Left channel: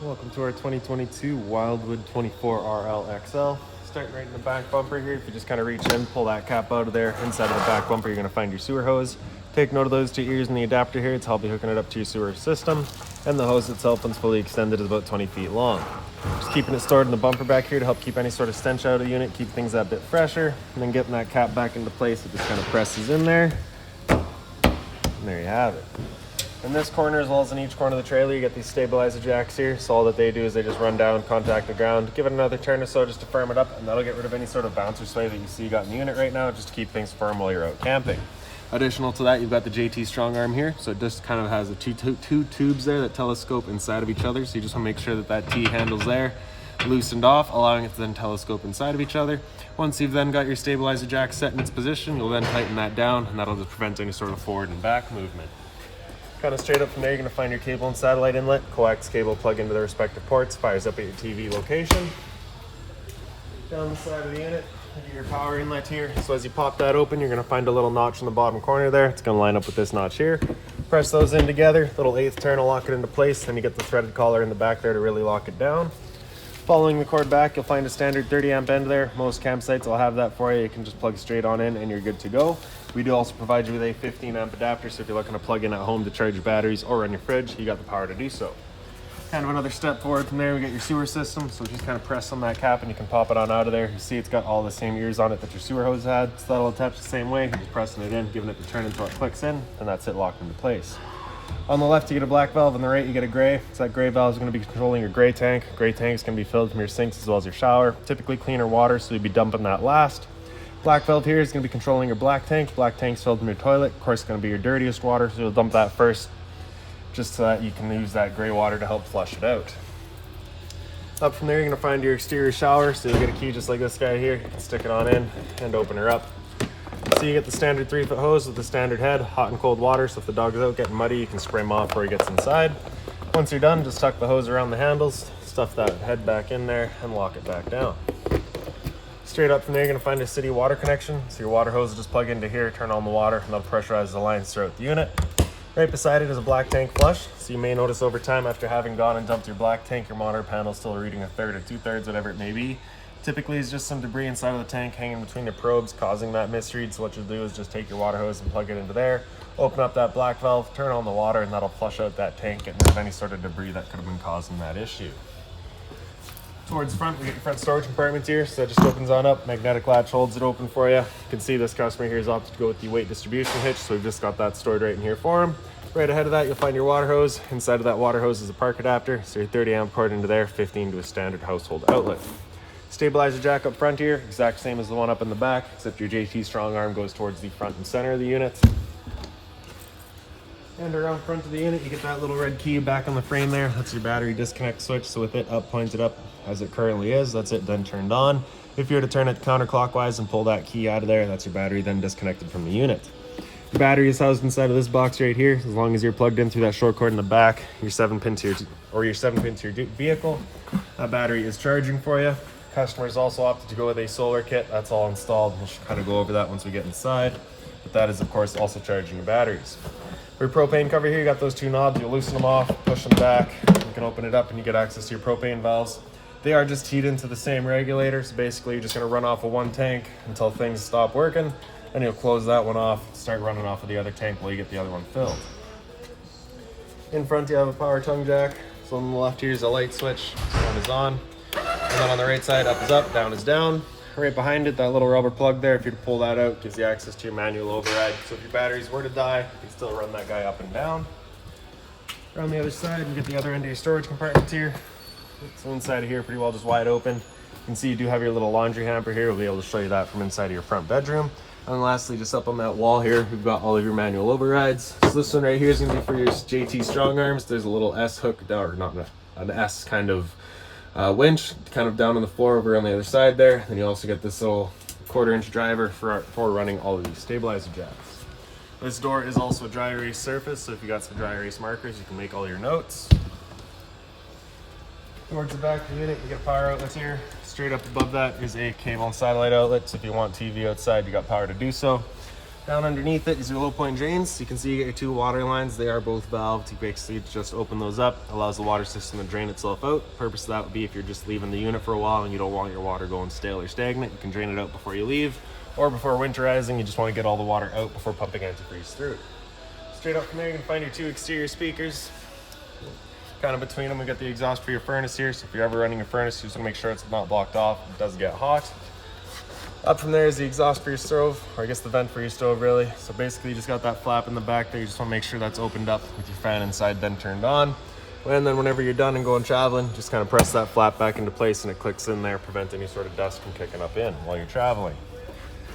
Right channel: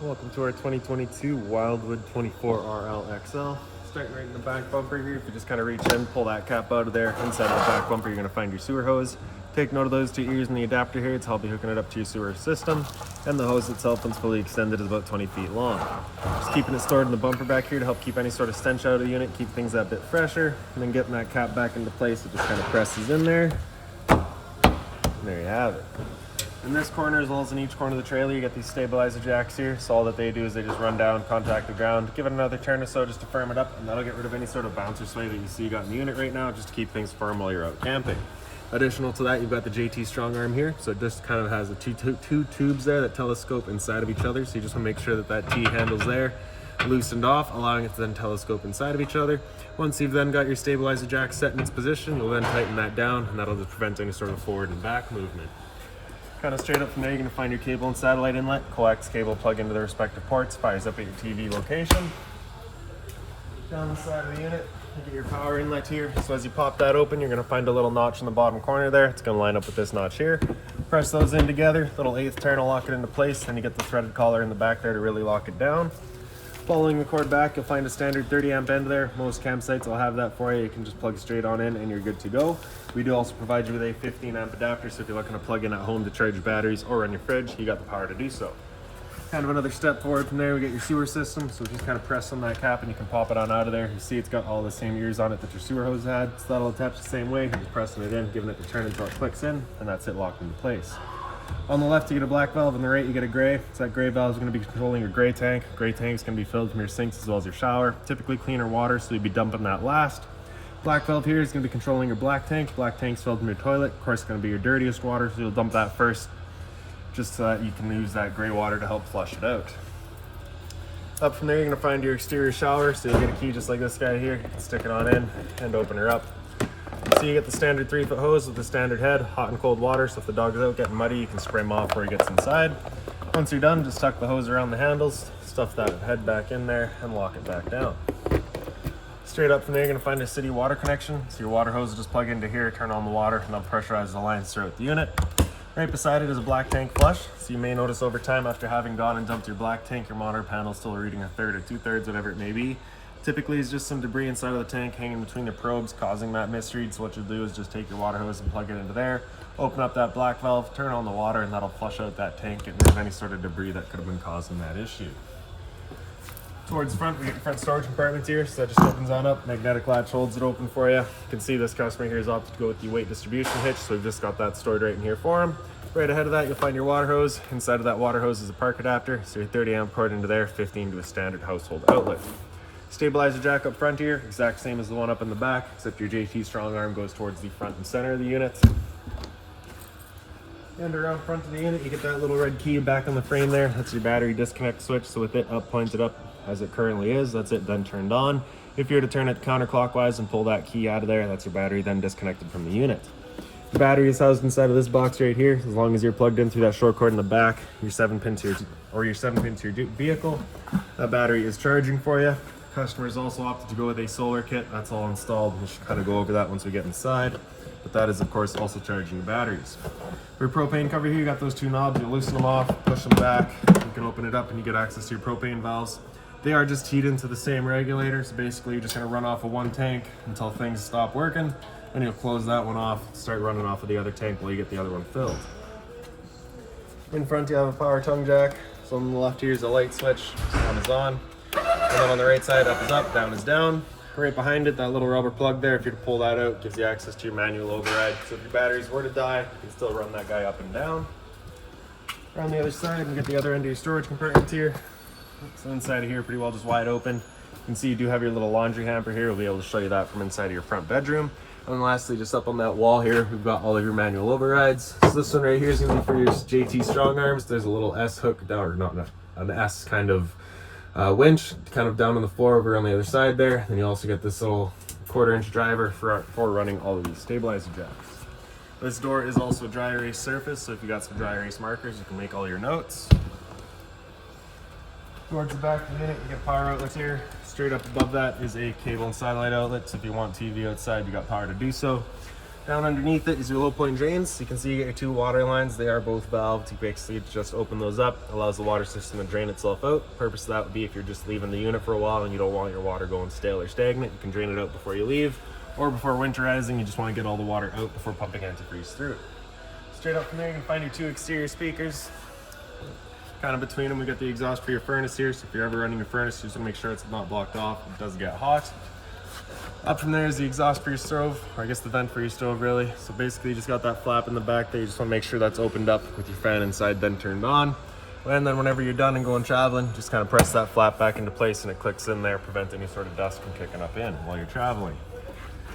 Welcome to our 2022 Wildwood 24RL XL. Starting right in the back bumper here, if you just kind of reach in, pull that cap out of there. Inside that back bumper, you're going to find your sewer hose. Take note of those two ears in the adapter here. It's how I'll be hooking it up to your sewer system. And the hose itself, once fully extended, is about 20 feet long. Just keeping it stored in the bumper back here to help keep any sort of stench out of the unit, keep things that bit fresher. And then getting that cap back into place, it just kind of presses in there. And there you have it. In this corner, as well as in each corner of the trailer, you get these stabilizer jacks here. So all that they do is they just run down, contact the ground, give it another turn or so just to firm it up, and that'll get rid of any sort of bounce or sway that you see you got in the unit right now, just to keep things firm while you're out camping. Additional to that, you've got the JT strong arm here. So it just kind of has the two tubes there that telescope inside of each other. So you just want to make sure that that T handle's there, loosened off, allowing it to then telescope inside of each other. Once you've then got your stabilizer jack set in its position, you'll then tighten that down, and that'll just prevent any sort of forward and back movement. Kind of straight up from there, you're going to find your cable and satellite inlet. Coax cable plug into the respective ports, fires up at your TV location. Down the side of the unit, you get your power inlet here. So as you pop that open, you're going to find a little notch in the bottom corner there. It's going to line up with this notch here. Press those in together, little 1/8 turn will lock it into place, and you get the threaded collar in the back there to really lock it down. Following the cord back, you'll find a standard 30 amp end there. Most campsites will have that for you. You can just plug straight on in and you're good to go. We do also provide you with a 15 amp adapter, so if you're looking to plug in at home to charge your batteries or run your fridge, you got the power to do so. Kind of another step forward from there, we get your sewer system. So just kind of press on that cap and you can pop it on out of there. You see it's got all the same ears on it that your sewer hose had, so that'll attach the same way. You're just pressing it in, giving it the turn until it clicks in, and that's it locked into place. On the left, you get a black valve. On the right, you get a gray. So that gray valve is going to be controlling your gray tank. Gray tank is going to be filled from your sinks as well as your shower. Typically cleaner water, so you'll be dumping that last. Black valve here is going to be controlling your black tank. Black tank's filled from your toilet. Of course, it's going to be your dirtiest water, so you'll dump that first, just so that you can use that gray water to help flush it out. Up from there, you're going to find your exterior shower. So you'll get a key just like this guy here. You can stick it on in and open her up. So you get the standard 3-foot hose with the standard head, hot and cold water, so if the dog is out getting muddy, you can spray him off before he gets inside. Once you're done, just tuck the hose around the handles, stuff that head back in there, and lock it back down. Straight up from there, you're going to find a city water connection. So your water hose will just plug into here, turn on the water, and that'll pressurize the lines throughout the unit. Right beside it is a black tank flush. So you may notice over time, after having gone and dumped your black tank, your monitor panel is still reading 1/3 or 2/3, whatever it may be. Typically, it's just some debris inside of the tank hanging between the probes causing that misread. So what you'll do is just take your water hose and plug it into there, open up that black valve, turn on the water, and that'll flush out that tank, getting rid of any sort of debris that could have been causing that issue. Towards the front, we get your front storage compartment here. So that just opens on up, magnetic latch holds it open for you. You can see this customer here has opted to go with the weight distribution hitch, so we've just got that stored right in here for him. Right ahead of that, you'll find your water hose. Inside of that water hose is a park adapter, so your 30 amp cord into there, 15 to a standard household outlet. Stabilizer jack up front here, exact same as the one up in the back, except your JT strong arm goes towards the front and center of the unit. And around front of the unit, you get that little red key back on the frame there. That's your battery disconnect switch. So with it up, pointed up as it currently is, that's it then turned on. If you were to turn it counterclockwise and pull that key out of there, that's your battery then disconnected from the unit. The battery is housed inside of this box right here. As long as you're plugged in through that short cord in the back, your 7-pin to your vehicle, that battery is charging for you. Customers also opted to go with a solar kit. That's all installed. We'll kind of go over that once we get inside. But that is, of course, also charging your batteries. For your propane cover here, you got those two knobs. You loosen them off, push them back. You can open it up and you get access to your propane valves. They are just keyed into the same regulator. So basically, you're just going to run off of one tank until things stop working. And you'll close that one off, start running off of the other tank while you get the other one filled. In front, you have a power tongue jack. So on the left here is a light switch. So on is on. And then on the right side, up is up, down is down. Right behind it, that little rubber plug there, if you were to pull that out, gives you access to your manual override. So if your batteries were to die, you can still run that guy up and down. Around the other side, and get the other end of your storage compartment here. So inside of here, pretty well just wide open. You can see you do have your little laundry hamper here. We'll be able to show you that from inside of your front bedroom. And lastly, just up on that wall here, we've got all of your manual overrides. So this one right here is going to be for your JT strong arms. There's a little S hook, or not an S kind of winch kind of down on the floor over on the other side there. Then you also get this little 1/4 inch driver for running all of these stabilizer jacks. This door is also a dry erase surface, so if you got some dry erase markers, you can make all your notes. Towards the back of the unit, you get power outlets here. Straight up above that is a cable and satellite outlet, so if you want TV outside, you got power to do so. Down underneath it is your low point drains. You can see you get your two water lines. They are both valved. You basically just open those up. It allows the water system to drain itself out. The purpose of that would be if you're just leaving the unit for a while and you don't want your water going stale or stagnant, you can drain it out before you leave. Or before winterizing, you just want to get all the water out before pumping antifreeze through. Straight up from there, you can find your two exterior speakers. Kind of between them, we got the exhaust for your furnace here. So if you're ever running your furnace, you just want to make sure it's not blocked off. It does get hot. Up from there is the exhaust for your stove, or I guess the vent for your stove really. So basically you just got that flap in the back there. You just want to make sure that's opened up with your fan inside then turned on. And then whenever you're done and going traveling, just kind of press that flap back into place and it clicks in there, prevent any sort of dust from kicking up in while you're traveling.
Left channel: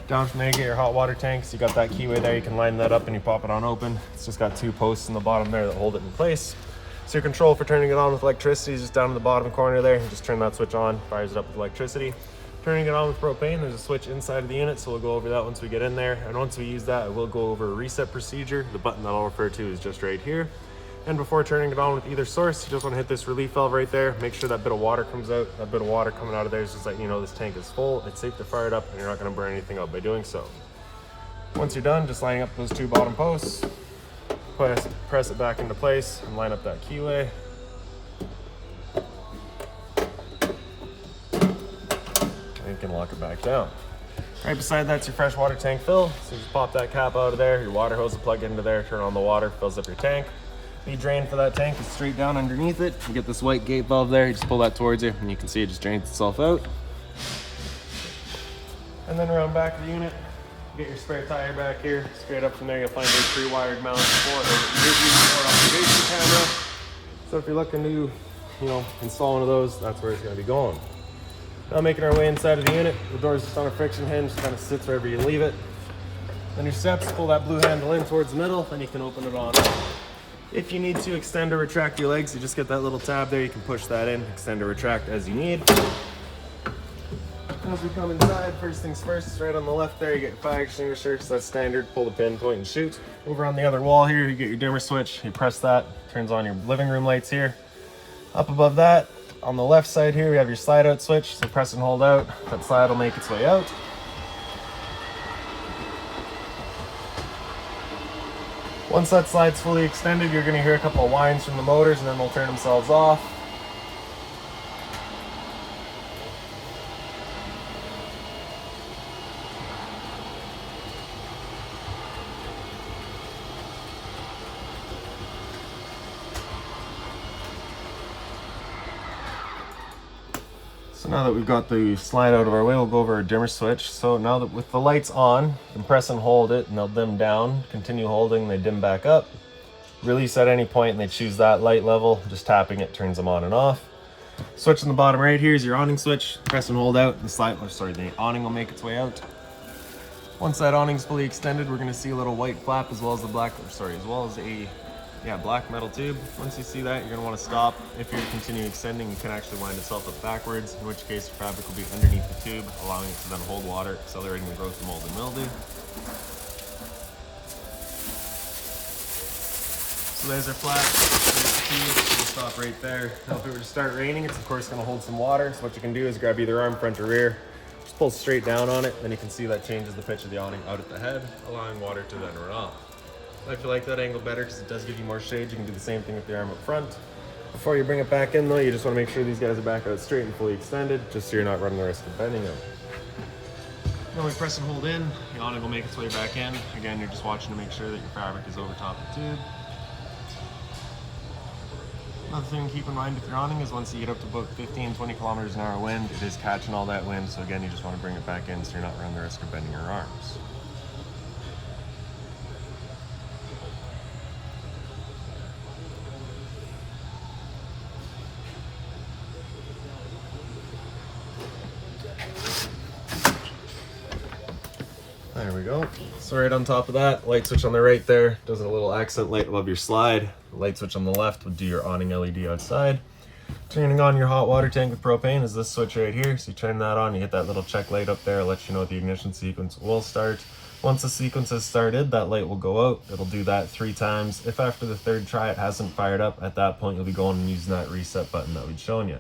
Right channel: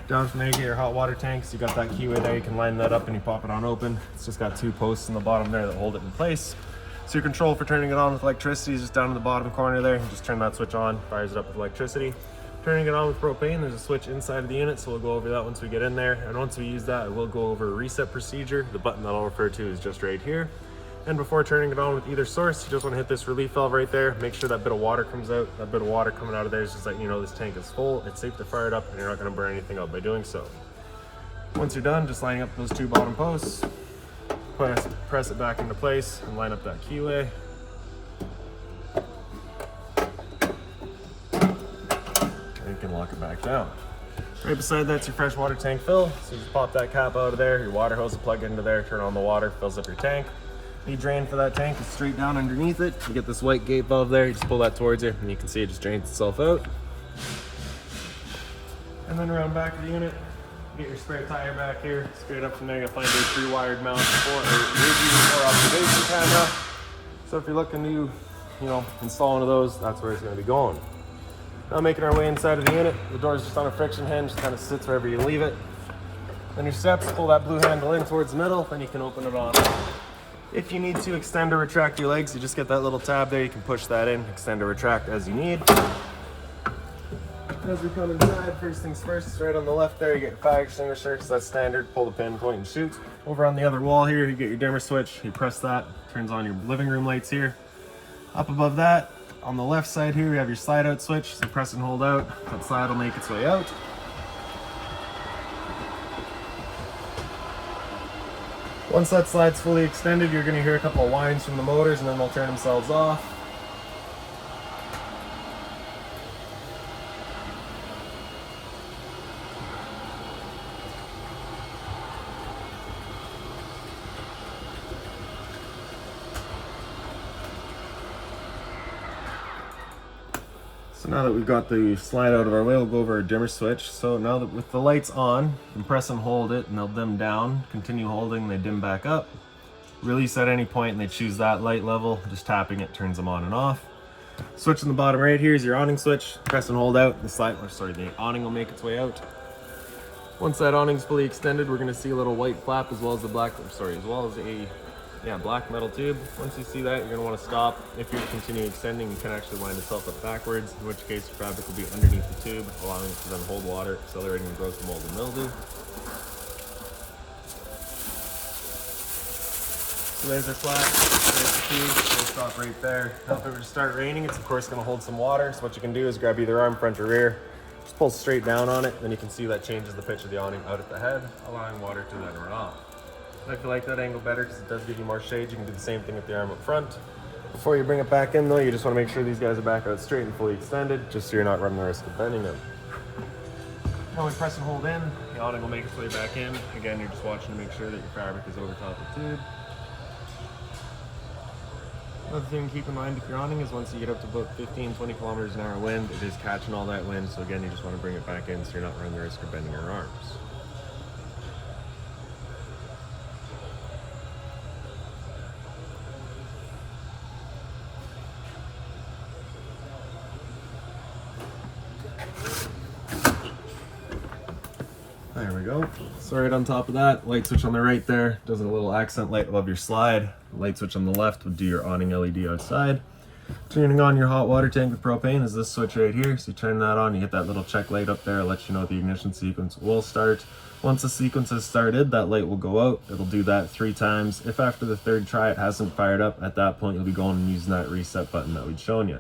Down from there you get your hot water tanks. You got that keyway there, you can line that up and you pop it on open. It's just got two posts in the bottom there that hold it in place. So your control for turning it on with electricity is just down in the bottom corner there. You just turn that switch on, fires it up with electricity. Turning it on with propane, there's a switch inside of the unit, so we'll go over that once we get in there. And once we use that, I will go over a reset procedure. The button that I'll refer to is just right here. And before turning it on with either source, you just want to hit this relief valve right there. Make sure that bit of water comes out. That bit of water coming out of there is just letting you know this tank is full. It's safe to fire it up and you're not going to burn anything up by doing so. Once you're done, just lining up those two bottom posts, press it back into place and line up that keyway. You can lock it back down. Right beside that's your fresh water tank fill. So you just pop that cap out of there, your water hose will plug into there, turn on the water, fills up your tank. The drain for that tank is straight down underneath it. You get this white gate valve there, you just pull that towards you and you can see it just drains itself out. And then around back of the unit, you get your spare tire back here. Straight up from there you'll find your 3 wired mounts for or observation camera. So if you're looking to install one of those, that's where it's going to be going. Now making our way inside of the unit, the door's just on a friction hinge, kind of sits wherever you leave it. Then your steps, pull that blue handle in towards the middle, then you can open it on. If you need to extend or retract your legs, you just get that little tab there, you can push that in, extend or retract as you need. As we come inside, first things first, right on the left there, you get your fire extinguisher, so that's standard, pull the pin, point and shoot. Over on the other wall here, you get your dimmer switch, you press that, turns on your living room lights here. Up above that, on the left side here, we have your slide out switch, so press and hold out. That slide will make its way out. Once that slide's fully extended, you're going to hear a couple of whines from the motors and then they'll turn themselves off. So now that we've got the slide out of our way, we'll go over our dimmer switch. So now that with the lights on, you can press and hold it and they'll dim down. Continue holding, they dim back up. Release at any point and they choose that light level. Just tapping it turns them on and off. Switch in the bottom right here is your awning switch. Press and hold out, the awning will make its way out. Once that awning's fully extended, we're gonna see a little white flap as well as a black metal tube. Once you see that, you're gonna want to stop. If you're continue extending, you can actually line itself up backwards, in which case the fabric will be underneath the tube, allowing it to then hold water, accelerating the growth of mold and mildew. So there's our flat, there's the tube, we'll stop right there. Now if it were to start raining, it's of course gonna hold some water, so what you can do is grab either arm, front or rear, just pull straight down on it, then you can see that changes the pitch of the awning out at the head, allowing water to then run off. If you like that angle better, because it does give you more shade, you can do the same thing with the arm up front. Before you bring it back in though, you just want to make sure these guys are back out straight and fully extended, just so you're not running the risk of bending them. When we press and hold in, the awning will make its way back in. Again, you're just watching to make sure that your fabric is over top of the tube. Another thing to keep in mind with your awning is once you get up to about 15-20 kilometers an hour wind, it is catching all that wind, so again, you just want to bring it back in so you're not running the risk of bending your arms. There we go. So right on top of that, light switch on the right there does a little accent light above your slide. Light switch on the left would do your awning LED outside. Turning on your hot water tank with propane is this switch right here. So you turn that on, you hit that little check light up there, it lets you know the ignition sequence will start. Once the sequence has started, that light will go out. It'll do that 3 times. If after the 3rd try it hasn't fired up, at that point you'll be going and using that reset button that we'd shown you.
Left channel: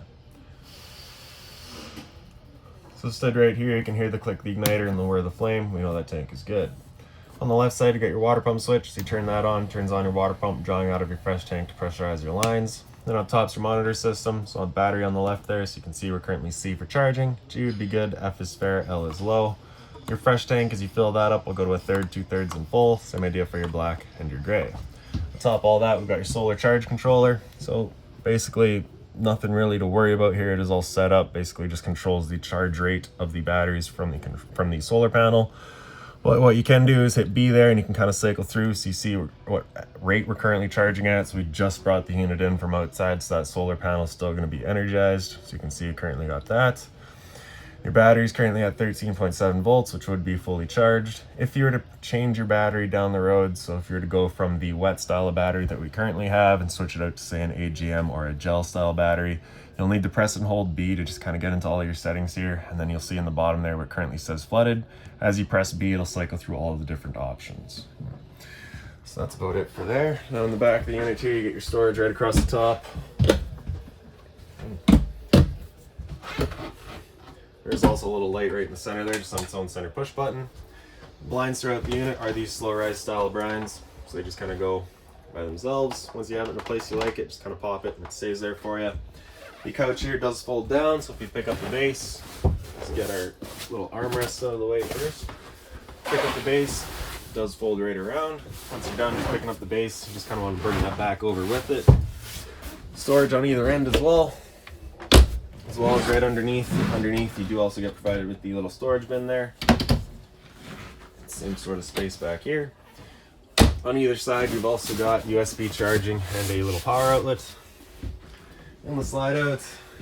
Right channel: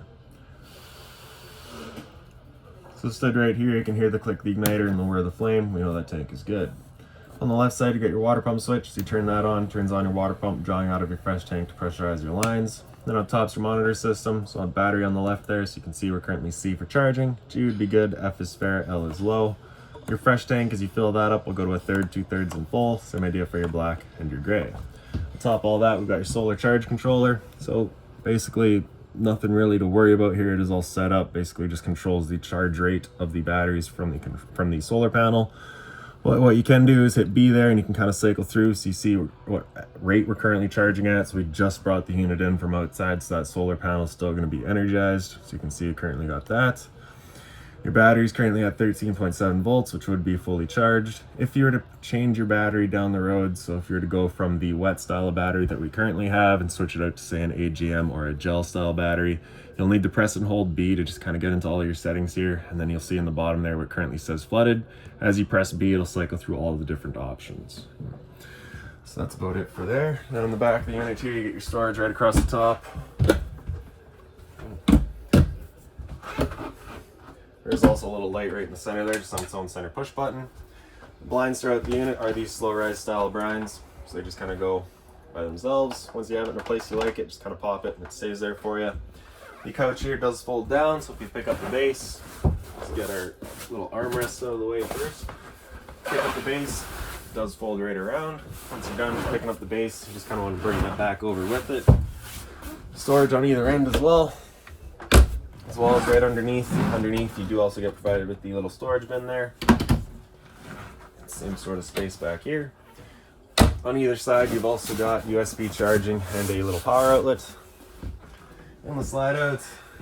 So stood right here, you can hear the click of the igniter and the whir of the flame. We know that tank is good. On the left side, you got your water pump switch. So you turn that on, turns on your water pump, drawing out of your fresh tank to pressurize your lines. Then up top's your monitor system. So a battery on the left there, so you can see we're currently C for charging. G would be good, F is fair, L is low. Your fresh tank, as you fill that up, will go to 1/3, 2/3, and full. Same idea for your black and your gray. On top of all that, we've got your solar charge controller. So basically, nothing really to worry about here. It is all set up. Basically, just controls the charge rate of the batteries from the solar panel. What you can do is hit B there, and you can kind of cycle through so you see what rate we're currently charging at. So we just brought the unit in from outside, so that solar panel is still going to be energized. So you can see you currently got that. Your battery is currently at 13.7 volts, which would be fully charged. If you were to change your battery down the road, so if you were to go from the wet style of battery that we currently have and switch it out to say an AGM or a gel style battery, you'll need to press and hold B to just kind of get into all your settings here. And then you'll see in the bottom there what currently says flooded. As you press B, it'll cycle through all of the different options. So that's about it for there. Now in the back of the unit here, you get your storage right across the top. There's also a little light right in the center there, just on its own center push button. Blinds throughout the unit are these slow rise style blinds, so they just kind of go by themselves. Once you have it in a place you like it, just kind of pop it and it stays there for you. The couch here does fold down, so if you pick up the base, let's get our little armrest out of the way first. Pick up the base, it does fold right around. Once you're done picking up the base, you just kind of want to bring that back over with it. Storage on either end as well. As well as right underneath. Underneath, you do also get provided with the little storage bin there. Same sort of space back here. On either side, you've also got USB charging and a little power outlet. On the slide out,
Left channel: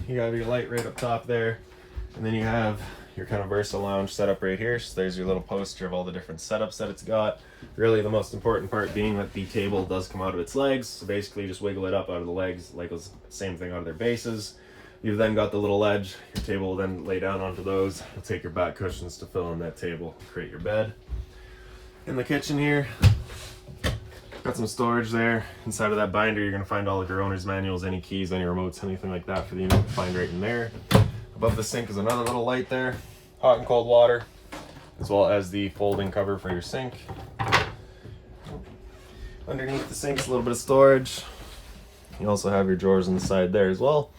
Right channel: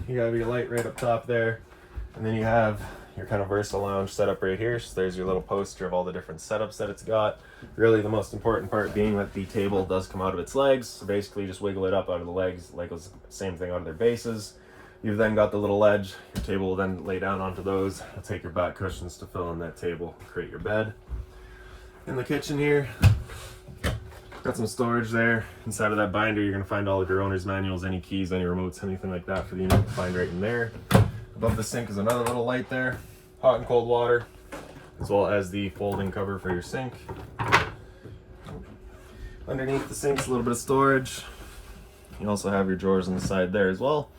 you have your light right up top there. And then you have your kind of Versa lounge set up right here. So there's your little poster of all the different setups that it's got. Really the most important part being that the table does come out of its legs. So basically just wiggle it up out of the legs, like the same thing out of their bases. You've then got the little ledge. Your table will then lay down onto those. You'll take your back cushions to fill in that table, create your bed. In the kitchen here, got some storage there. Inside of that binder, you're gonna find all of your owner's manuals, any keys, any remotes, anything like that for the unit to find right in there. Above the sink is another little light there. Hot and cold water, as well as the folding cover for your sink. Underneath the sink's a little bit of storage. You also have your drawers on the side there as well.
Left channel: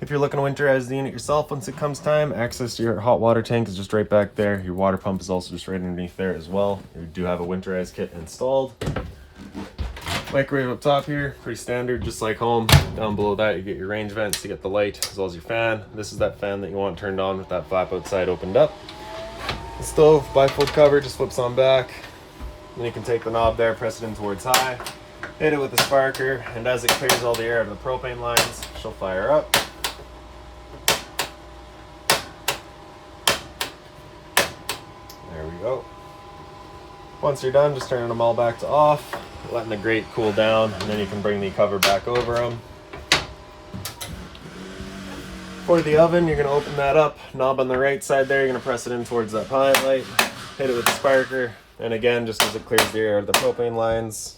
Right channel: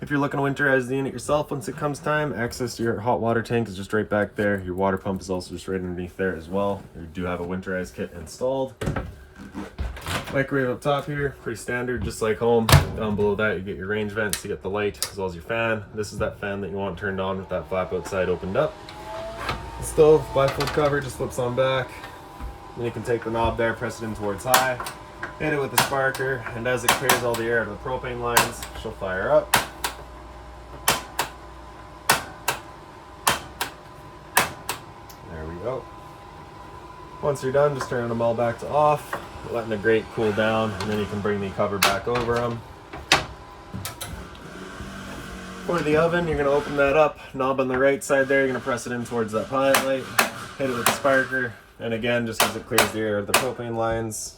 If you're looking to winterize the unit yourself once it comes time, access to your hot water tank is just right back there. Your water pump is also just right underneath there as well. You do have a winterized kit installed. Microwave up top here, pretty standard, just like home. Down below that, you get your range vents to get the light, as well as your fan. This is that fan that you want turned on with that flap outside opened up. The stove, bifold cover, just flips on back. Then you can take the knob there, press it in towards high, hit it with the sparker, and as it clears all the air out of the propane lines, she'll fire up. There we go. Once you're done, just turning them all back to off, letting the grate cool down, and then you can bring the cover back over them. For the oven, you're going to open that up. Knob on the right side there, you're going to press it in towards that pilot light, hit it with the sparker, and again, just as it clears the air out of the propane lines.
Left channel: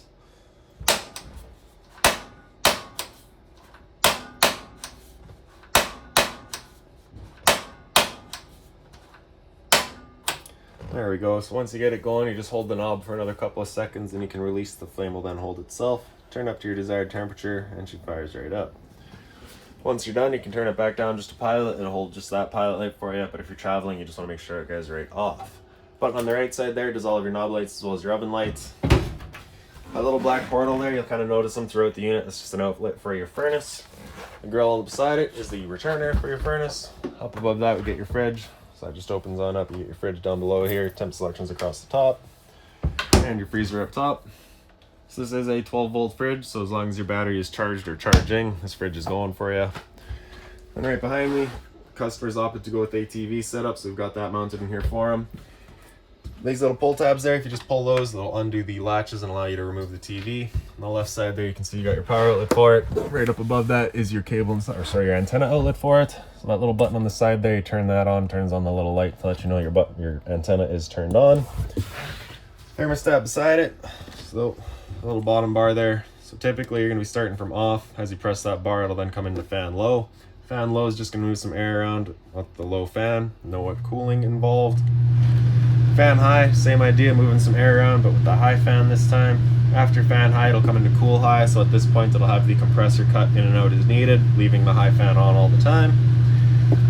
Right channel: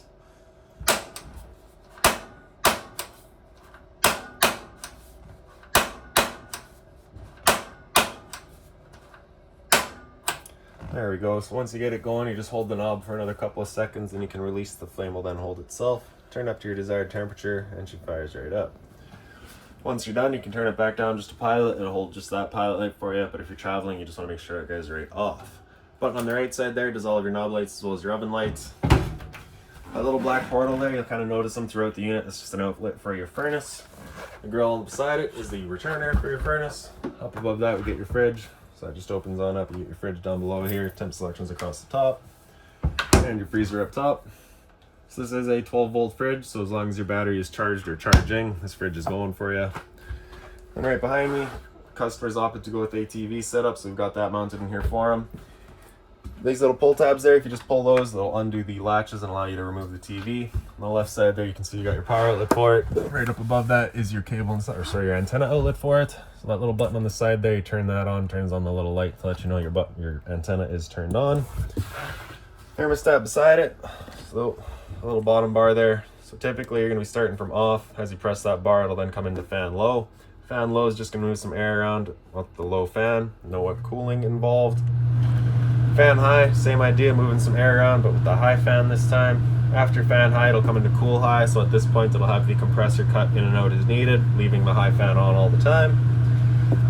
There we go. So once you get it going, you just hold the knob for another couple of seconds and you can release. The flame will then hold itself. Turn up to your desired temperature and she fires right up. Once you're done, you can turn it back down just to pilot and it'll hold just that pilot light for you. But if you're traveling, you just want to make sure it goes right off. Button on the right side there does all of your knob lights as well as your oven lights. That little black portal there, you'll kind of notice them throughout the unit. It's just an outlet for your furnace. The grill beside it is the returner for your furnace. Up above that, we get your fridge. So that just opens on up. You get your fridge down below here, temp selections across the top, and your freezer up top. So this is a 12-volt fridge, so as long as your battery is charged or charging, this fridge is going for you. And right behind me, customers opted to go with ATV setup, so we've got that mounted in here for them. These little pull tabs there, if you just pull those, they'll undo the latches and allow you to remove the TV. On the left side there, you can see you got your power outlet for it. Right up above that is your cable, your antenna outlet for it. So that little button on the side there, you turn that on, turns on the little light to let you know your antenna is turned on. Thermostat beside it, so a little bottom bar there. So typically you're going to be starting from off. As you press that bar, it'll then come into fan low. Fan low is just going to move some air around with the low fan, no cooling involved. Fan high, same idea, moving some air around, but with the high fan this time. After fan high, it'll come into cool high, so at this point it'll have the compressor cut in and out as needed, leaving the high fan on all the time.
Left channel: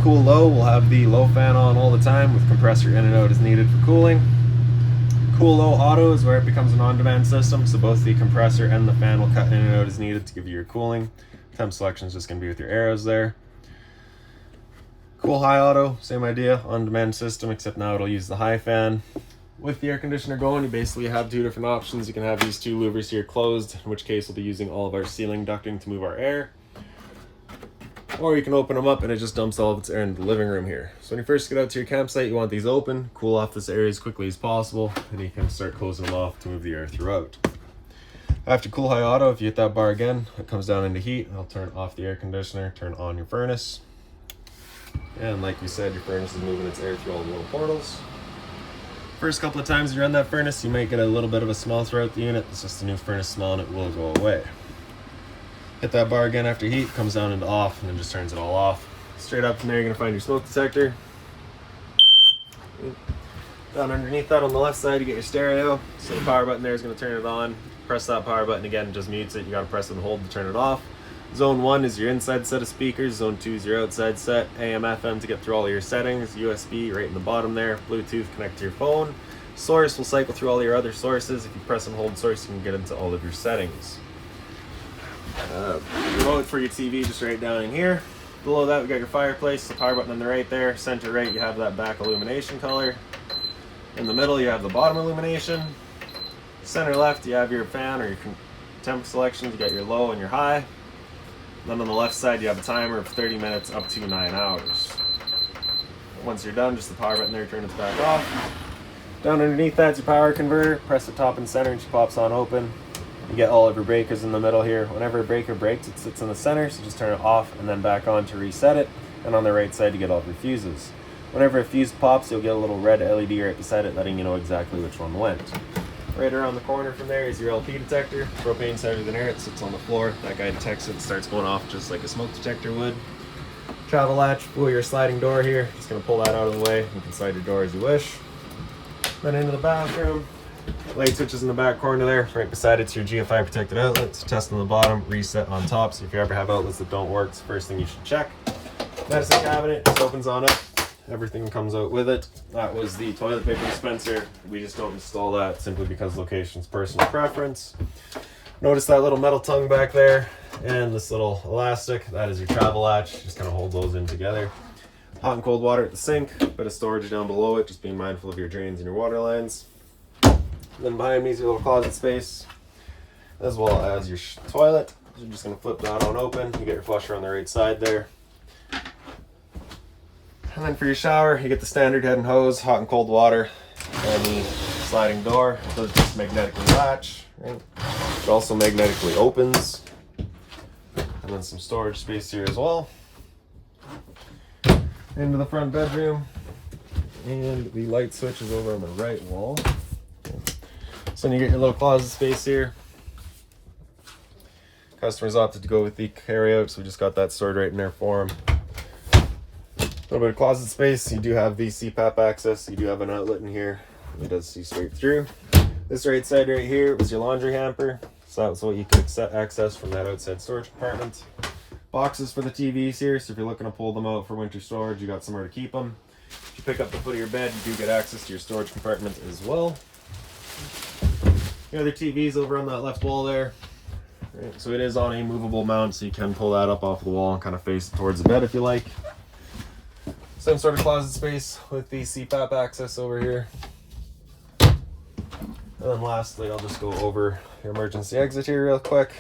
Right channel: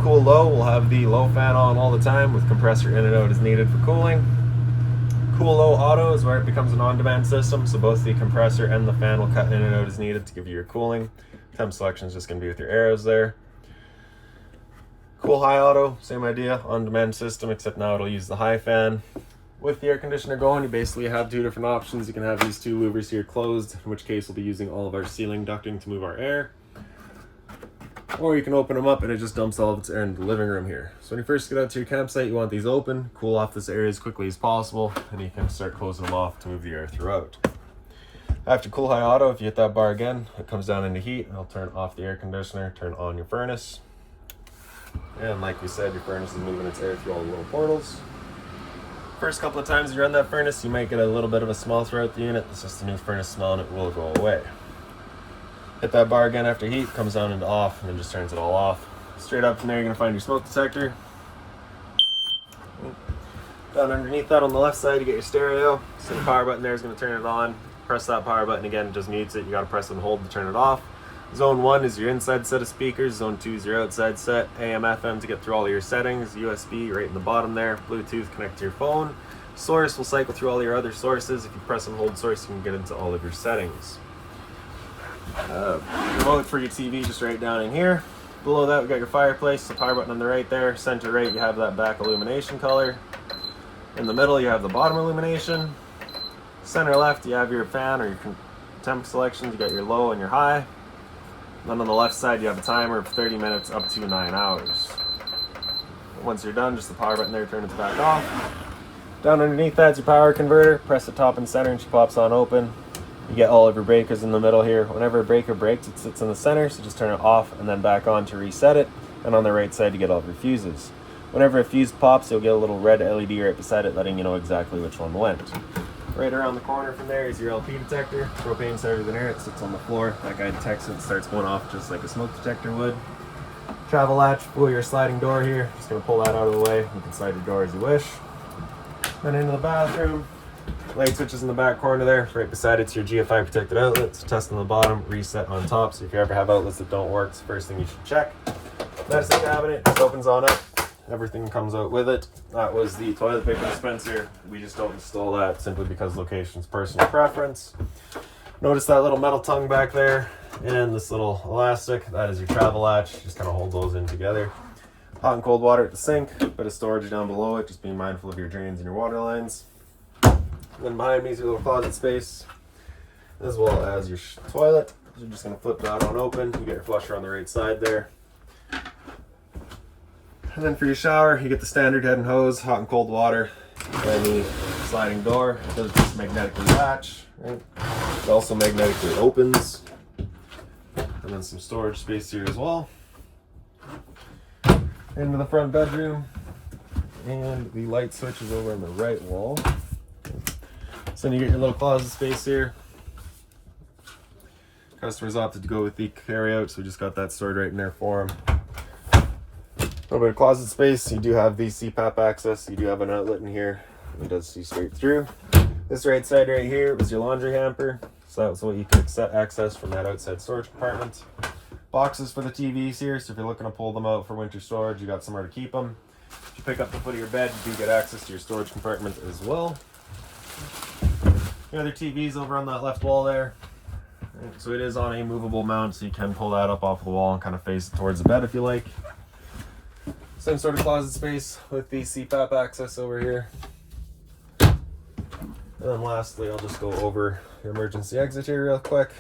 Cool low, we'll have the low fan on all the time with compressor in and out as needed for cooling. Cool low auto is where it becomes an on-demand system, so both the compressor and the fan will cut in and out as needed to give you your cooling. Temp selection is just going to be with your arrows there. Cool high auto, same idea, on-demand system, except now it'll use the high fan. With the air conditioner going, you basically have two different options. You can have these two louvers here closed, in which case we'll be using all of our ceiling ducting to move our air. Or you can open them up and it just dumps all of its air into the living room here. So when you first get out to your campsite, you want these open, cool off this area as quickly as possible, and you can start closing them off to move the air throughout. After cool high auto, if you hit that bar again, it comes down into heat, and I'll turn off the air conditioner, turn on your furnace. And like we said, your furnace is moving its air through all the little portals. First couple of times you run that furnace, you might get a little bit of a smell throughout the unit. It's just a new furnace smell and it will go away. Hit that bar again after heat, comes down into off, and then just turns it all off. Straight up from there, you're gonna find your smoke detector. Down underneath that on the left side, you get your stereo. So the power button there is gonna turn it on. Press that power button again, it just mutes it. You gotta press and hold to turn it off. Zone 1 is your inside set of speakers. Zone 2 is your outside set. AM, FM to get through all of your settings. USB right in the bottom there. Bluetooth, connect to your phone. Source will cycle through all your other sources. If you press and hold source, you can get into all of your settings. Remote for your TV just right down in here. Below that, we got your fireplace. The power button on the right there. Center right, you have that back illumination color. In the middle, you have the bottom illumination. Center left, you have your fan or your temp selections. You got your low and your high. Then on the left side, you have a timer of 30 minutes up to 9 hours. Once you're done, just the power button there, turn it back off. Down underneath that's your power converter. Press the top and center and she pops on open. You get all of your breakers in the middle here. Whenever a breaker breaks, it sits in the center, so just turn it off and then back on to reset it. And on the right side, you get all of your fuses. Whenever a fuse pops, you'll get a little red LED right beside it, letting you know exactly which one went. Right around the corner from there is your LP detector. Propane's heavier than air, it sits on the floor. That guy detects it and starts going off just like a smoke detector would. Travel latch, pull your sliding door here. Just gonna pull that out of the way. You can slide your door as you wish. Then into the bathroom. Light switches in the back corner there. Right beside it's your GFI protected outlets. Test on the bottom, reset on top. So if you ever have outlets that don't work, it's the first thing you should check. Medicine cabinet just opens on up. Everything comes out with it. That was the toilet paper dispenser. We just don't install that simply because location's personal preference. Notice that little metal tongue back there and this little elastic. That is your travel latch. Just kind of hold those in together. Hot and cold water at the sink. Bit of storage down below it. Just being mindful of your drains and your water lines. Then behind me is your little closet space, as well as your toilet. You're just going to flip that on open. You get your flusher on the right side there. And then for your shower, you get the standard head and hose, hot and cold water, and the sliding door. It does just magnetically latch, right? It also magnetically opens. And then some storage space here as well. Into the front bedroom. And the light switch is over on the right wall. So then you get your little closet space here. Customers opted to go with the carryout, so we just got that stored right in there for them. A little bit of closet space. You do have the CPAP access. You do have an outlet in here. It does see straight through. This right side right here was your laundry hamper. So that's what you can access from that outside storage compartment. Boxes for the TVs here. So if you're looking to pull them out for winter storage, you got somewhere to keep them. If you pick up the foot of your bed, you do get access to your storage compartment as well. The other TV's over on that left wall there. Right, so it is on a movable mount, so you can pull that up off the wall and kind of face it towards the bed if you like. Same sort of closet space with the CPAP access over here. And then lastly, I'll just go over your emergency exit here real quick.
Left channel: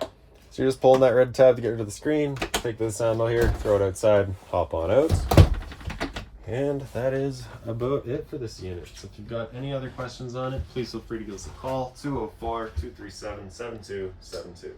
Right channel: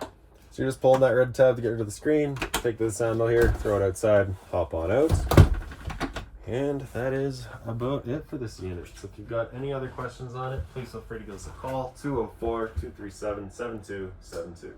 So you're just pulling that red tab to get rid of the screen. Take this handle here, throw it outside, hop on out. And that is about it for this unit. So if you've got any other questions on it, please feel free to give us a call, 204-237-7272.